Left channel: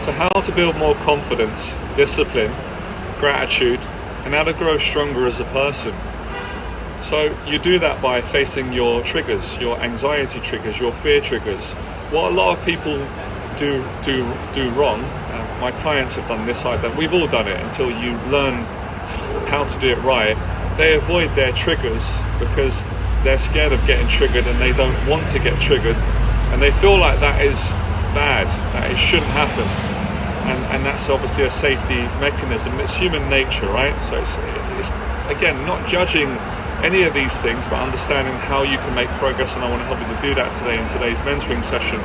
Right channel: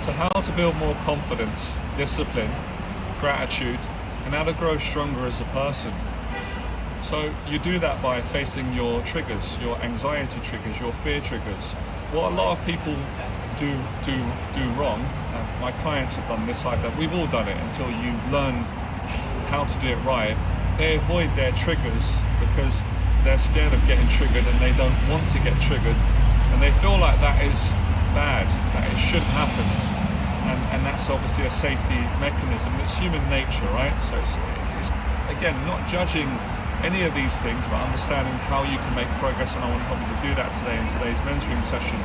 So how to build more confidence, discipline, gratitude, and how to grow stronger as a person. So you do that by facing your triggers, your anxiety triggers, your fear triggers. What a lot of people do wrong, my clients have done this, I've done, we've all done it until you learn how to do it right. They avoid their triggers because they're scared of getting triggered and they don't want to get triggered, and they feel like that is bad, that it shouldn't happen, and that's obviously a safety mechanism. It's human nature, right? So it's again, not judging any of these things, but understanding how you can make progress, and I want to help you to do that today in today's mentoring session.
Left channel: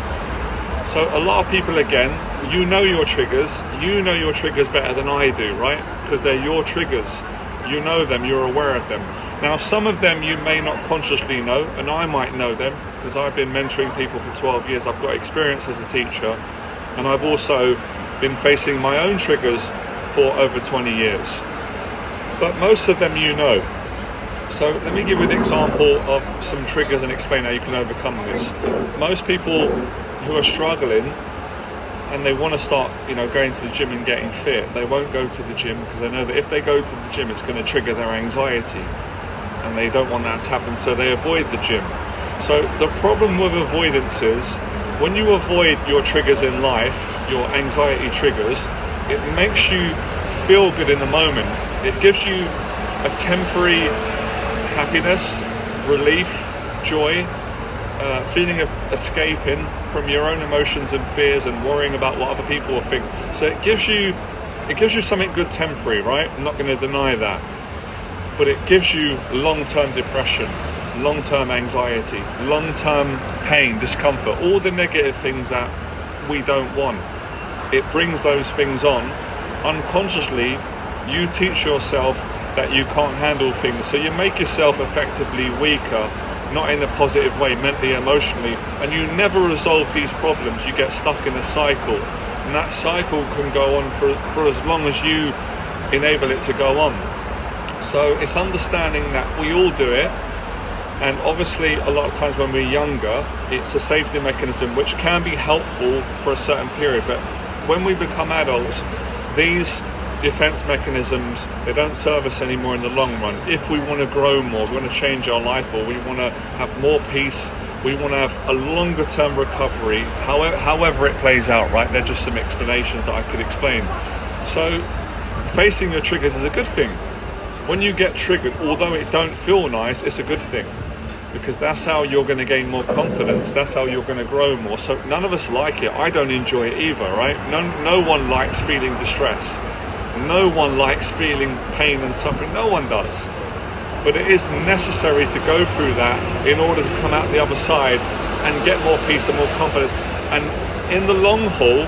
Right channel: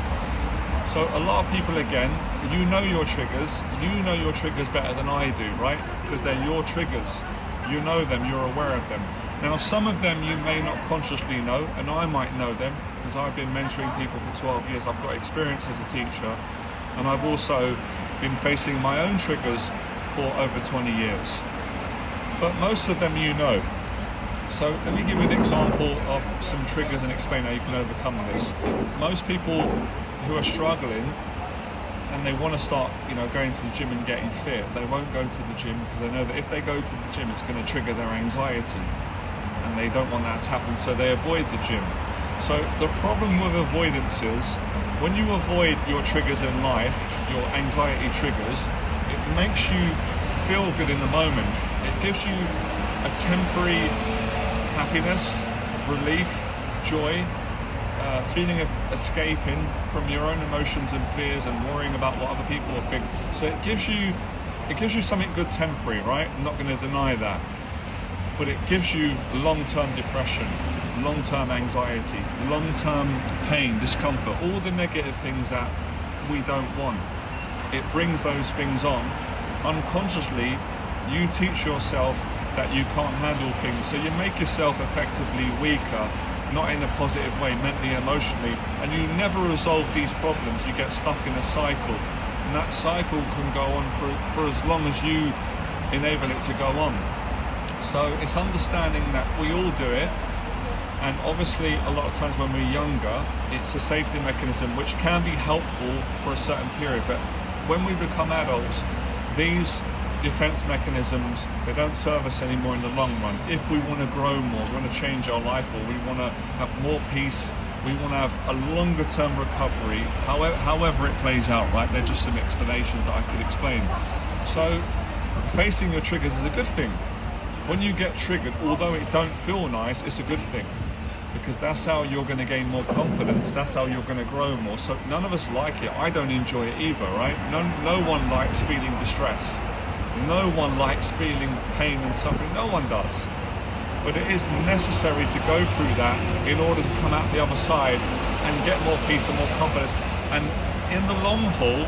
So a lot of people, again, you know your triggers better than I do, right? Because they're your triggers. You know them, you're aware of them. Now, some of them you may not consciously know, and I might know them because I've been mentoring people for 12 years. I've got experience as a teacher, and I've also been facing my own triggers for over 20 years. But most of them you know. So let me give you an example of some triggers and explain how you can overcome this. Most people who are struggling and they want to start, going to the gym and getting fit, they won't go to the gym because they know that if they go to the gym, it's going to trigger their anxiety, and they don't want that to happen, so they avoid the gym. So the problem with avoidance is when you avoid your triggers in life, your anxiety triggers, it makes you feel good in the moment. It gives you a temporary happiness, relief, joy, feeling of escaping from your own emotions and fears and worrying about what other people will think. So it gives you something good temporary, right? I'm not going to deny that. But it gives you long-term depression, long-term anxiety, long-term pain, discomfort, all the negative things that we don't want. It brings those things on. Unconsciously, you teach yourself that you can't handle things, so you make yourself effectively weaker, not in a positive way, mentally, emotionally, and you never resolve these problems. You get stuck in a cycle, and that cycle can go on for as long as you enable it to go on. So it's understanding that we all do it, and obviously a lot of times when we're younger, it's a safety mechanism which can be helpful for a certain period, but when we become adults, these defense mechanisms, they don't serve us anymore in the long run. If we want to grow more, we want to change our life, or we want to have more peace, we want to have a longer term recovery, however it plays out, right? They're just some explanations that I could explain. So facing your triggers is a good thing. When you get triggered, although it don't feel nice, it's a good thing, because that's how you're going to gain more confidence, that's how you're going to grow more. So none of us like it. I don't enjoy it either, right? No one likes feeling distress. No one likes feeling pain and suffering. No one does. But it is necessary to go through that in order to come out the other side and get more peace and more confidence. And in the long haul,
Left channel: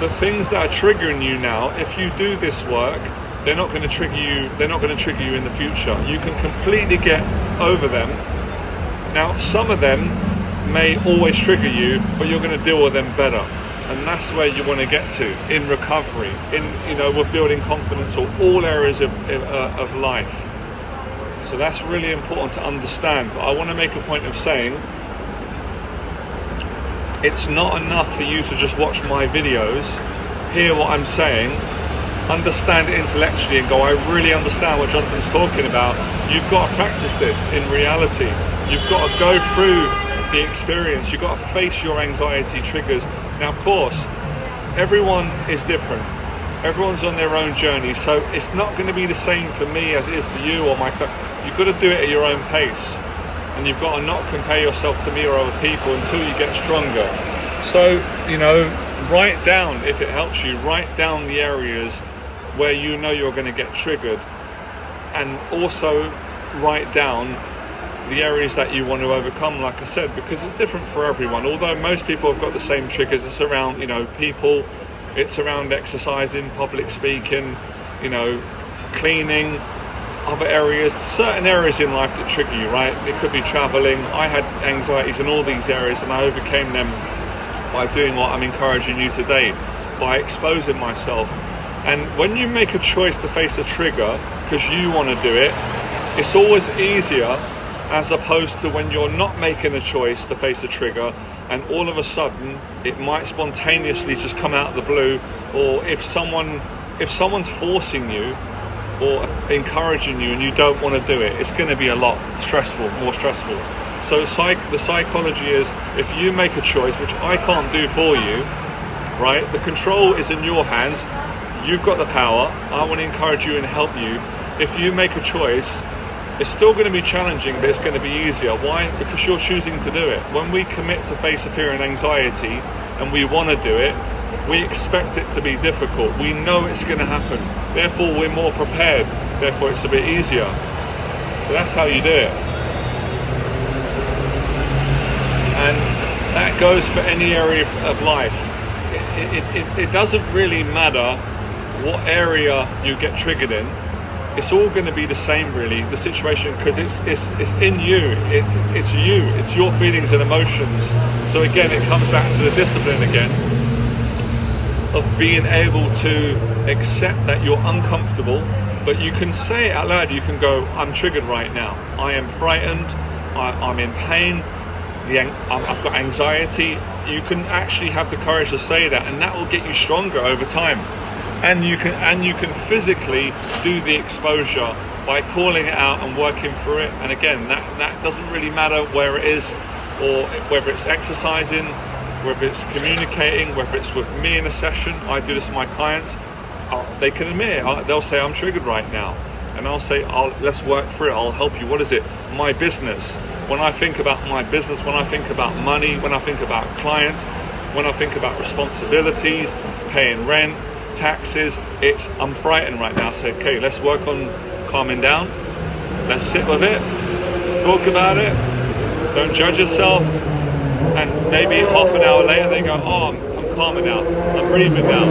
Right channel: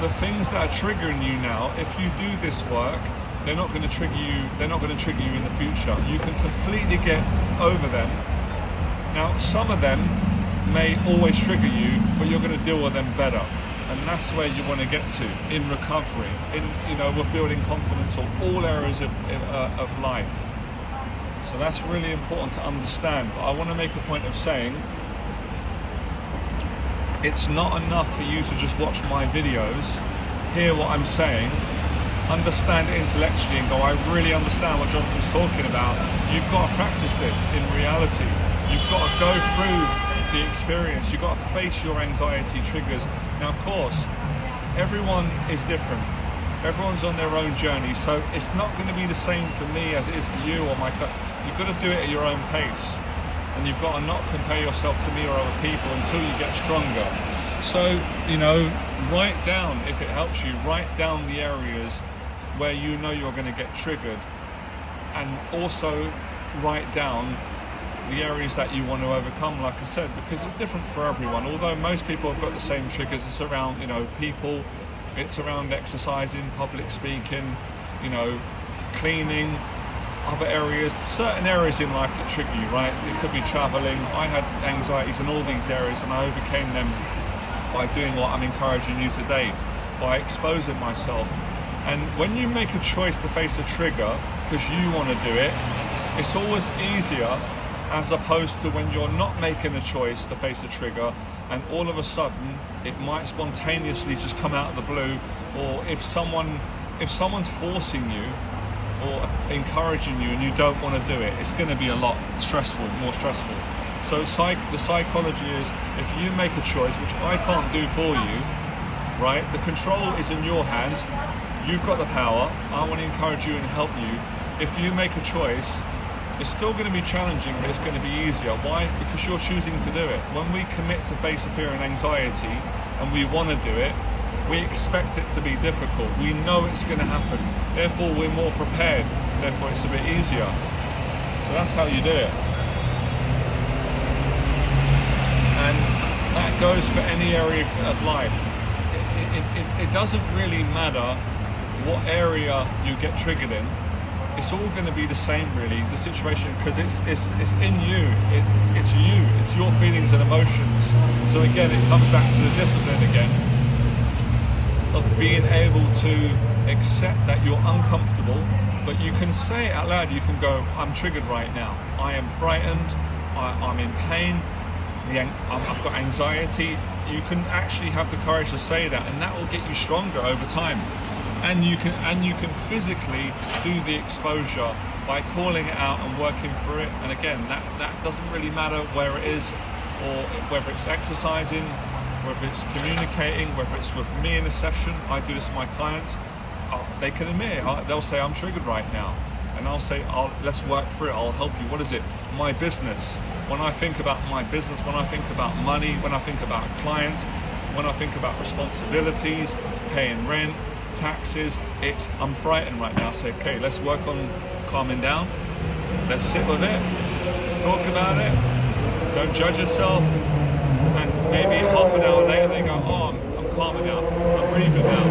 the things that are triggering you now, if you do this work, they're not going to trigger you. They're not going to trigger you in the future. You can completely get over them. Now, some of them may always trigger you, but you're going to deal with them better. And that's where you want to get to in recovery, with building confidence, or all areas of life. So that's really important to understand. But I want to make a point of saying, it's not enough for you to just watch my videos, hear what I'm saying, understand it intellectually and go, I really understand what Jonathan's talking about. You've got to practice this in reality. You've got to go through the experience. You've got to face your anxiety triggers. Now, of course, everyone is different. Everyone's on their own journey, so it's not going to be the same for me as it is for you or my client. You've got to do it at your own pace, and you've got to not compare yourself to me or other people until you get stronger. So, write down, if it helps you, write down the areas where you know you're going to get triggered, and also write down the areas that you want to overcome, like I said, because it's different for everyone. Although most people have got the same triggers, it's around, people, it's around exercising, public speaking, cleaning, other areas, certain areas in life that trigger you, right? It could be traveling. I had anxieties in all these areas, and I overcame them by doing what I'm encouraging you today, by exposing myself. And when you make a choice to face a trigger because you want to do it, it's always easier as opposed to when you're not making a choice to face a trigger and all of a sudden it might spontaneously just come out of the blue, or if someone's forcing you or encouraging you and you don't want to do it, it's going to be a lot more stressful. So the psychology is, if you make a choice, which I can't do for you, right? The control is in your hands. You've got the power. I want to encourage you and help you. If you make a choice, it's still going to be challenging, but it's going to be easier. Why? Because you're choosing to do it. When we commit to face a fear and anxiety and we want to do it, we expect it to be difficult. We know it's going to happen. Therefore, we're more prepared. Therefore, it's a bit easier. So that's how you do it. And that goes for any area of life. It doesn't really matter what area you get triggered in. It's all going to be the same, really, the situation, because it's in you. It's you. It's your feelings and emotions. So again, it comes back to the discipline again of being able to accept that you're uncomfortable, but you can say it out loud. You can go, I'm triggered right now. I am frightened. I'm in pain. I've got anxiety. You can actually have the courage to say that, and that will get you stronger over time. And you can physically do the exposure by calling it out and working through it. And again, that doesn't really matter where it is, or whether it's exercising, whether it's communicating, whether it's with me in a session. I do this with my clients. They can admit it. They'll say, I'm triggered right now. And I'll say, let's work through it. I'll help you. What is it? My business. When I think about my business, when I think about money, when I think about clients, when I think about responsibilities, paying rent, taxes, I'm frightened right now. So okay, let's work on calming down. Let's sit with it. Let's talk about it. Don't judge yourself. And maybe half an hour later they go, oh, I'm calmer now. I'm breathing now.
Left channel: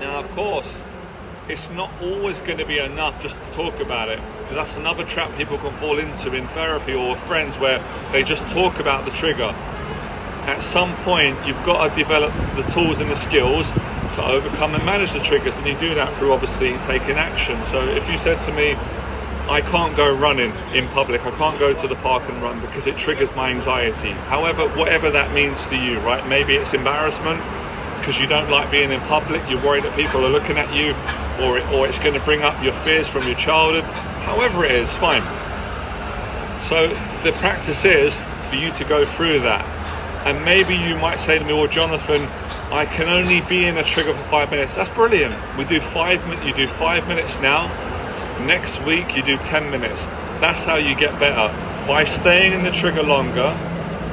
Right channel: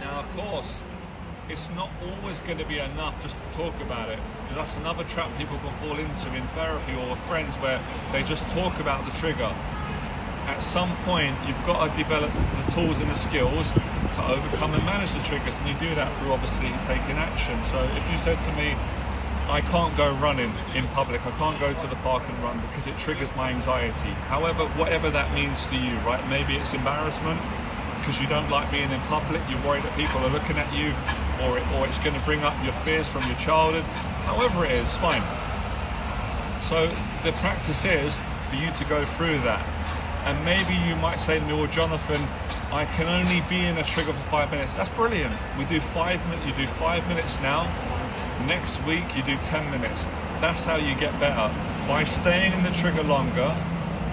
Now, of course, it's not always going to be enough just to talk about it, because that's another trap people can fall into in therapy or with friends, where they just talk about the trigger. At some point, you've got to develop the tools and the skills to overcome and manage the triggers, and you do that through obviously taking action. So if you said to me, I can't go running in public, I can't go to the park and run because it triggers my anxiety. However, whatever that means to you, right? Maybe it's embarrassment because you don't like being in public, you're worried that people are looking at you, or it's going to bring up your fears from your childhood. However it is, fine. So the practice is for you to go through that. And maybe you might say to me, well, Jonathan, I can only be in a trigger for 5 minutes. That's brilliant. We do 5 minutes. You do 5 minutes now. Next week you do 10 minutes. That's how you get better. By staying in the trigger longer,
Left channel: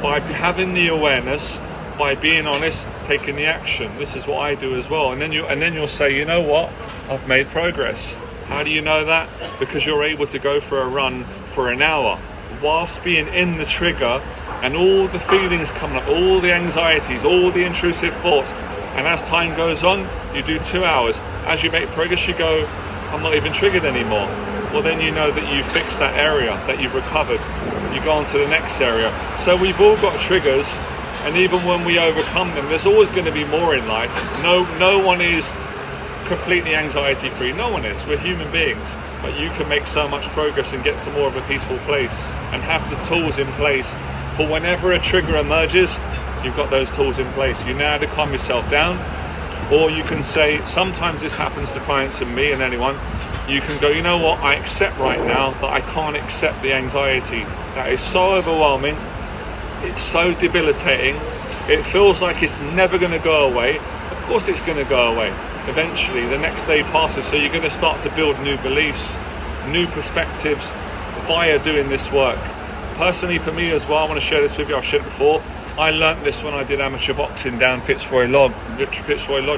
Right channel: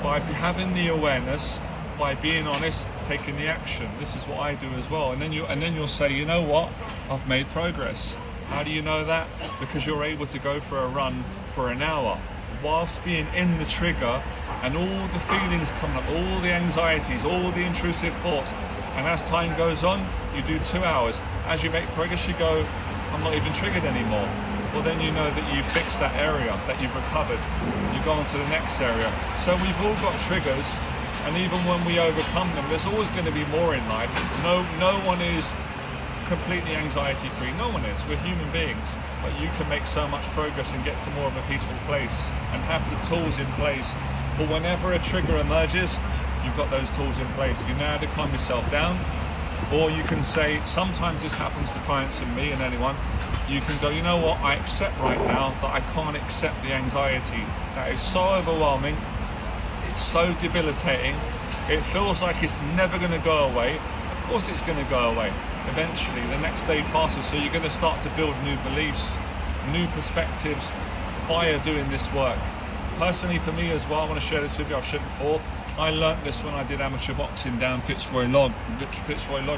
by having the awareness, by being honest, taking the action. This is what I do as well. And then you'll say, you know what? I've made progress. How do you know that? Because you're able to go for a run for an hour whilst being in the trigger, and all the feelings coming up, all the anxieties, all the intrusive thoughts. And as time goes on, you do 2 hours. As you make progress, you go, I'm not even triggered anymore. Well, then you know that you've fixed that area, that you've recovered. You go on to the next area. So we've all got triggers, and even when we overcome them, there's always going to be more in life. No one is completely anxiety free. No one is. We're human beings. But you can make so much progress and get to more of a peaceful place, and have the tools in place for whenever a trigger emerges. You've got those tools in place. You know how to calm yourself down. Or you can say, sometimes this happens to clients and me and anyone, you can go, you know what, I accept right now that I can't accept the anxiety. That is so overwhelming. It's so debilitating. It feels like it's never going to go away. Of course it's going to go away. Eventually, the next day passes, so you're going to start to build new beliefs, new perspectives via doing this work. Personally, for me as well, I want to share this with you. I've shared it before. I learnt this when I did amateur boxing down Fitzroy Lodge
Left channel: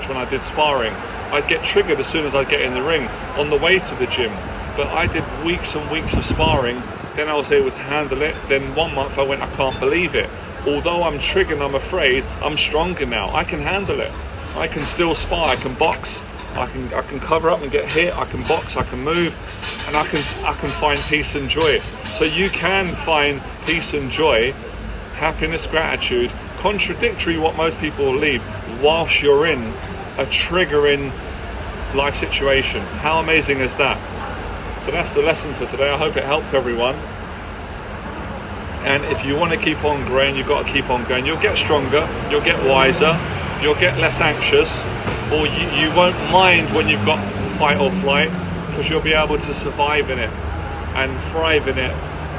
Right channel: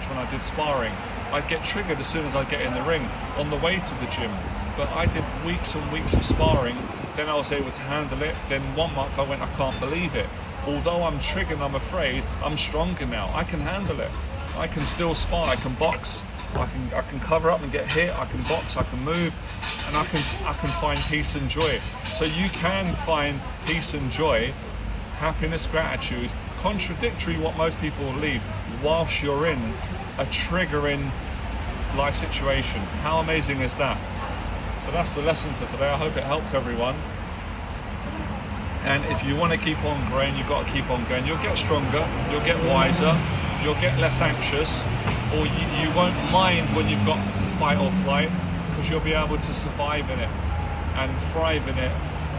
when I did sparring. I'd get triggered as soon as I'd get in the ring on the way to the gym. But I did weeks and weeks of sparring, then I was able to handle it. Then 1 month I went, I can't believe it. Although I'm triggered and I'm afraid, I'm stronger now. I can handle it. I can still spar, I can box, I can cover up and get hit, I can box, I can move, and I can find peace and joy. So you can find peace and joy, happiness, gratitude, contradictory what most people leave, whilst you're in a triggering life situation. How amazing is that? So that's the lesson for today. I hope it helped everyone. And if you want to keep on growing, you've got to keep on going. You'll get stronger, you'll get wiser, you'll get less anxious, or you won't mind when you've got fight or flight, because you'll be able to survive in it and thrive in it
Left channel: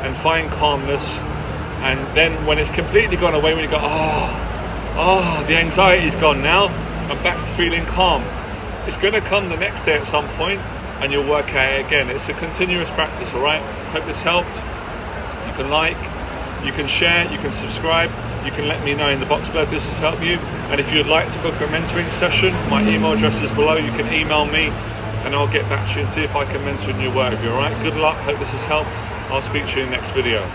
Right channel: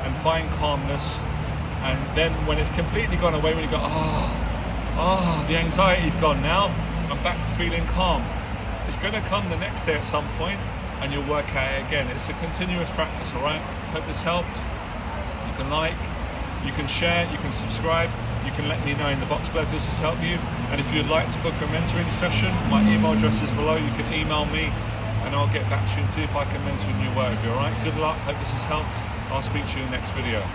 and find calmness. And then when it's completely gone away, when you go, the anxiety's gone now, I'm back to feeling calm. It's going to come the next day at some point, and you'll work at it again. It's a continuous practice, all right? Hope this helped. You can like, you can share, you can subscribe, you can let me know in the box below if this has helped you. And if you'd like to book a mentoring session, my email address is below. You can email me and I'll get back to you and see if I can mentor in your work. All right, good luck, hope this has helped. I'll speak to you in the next video.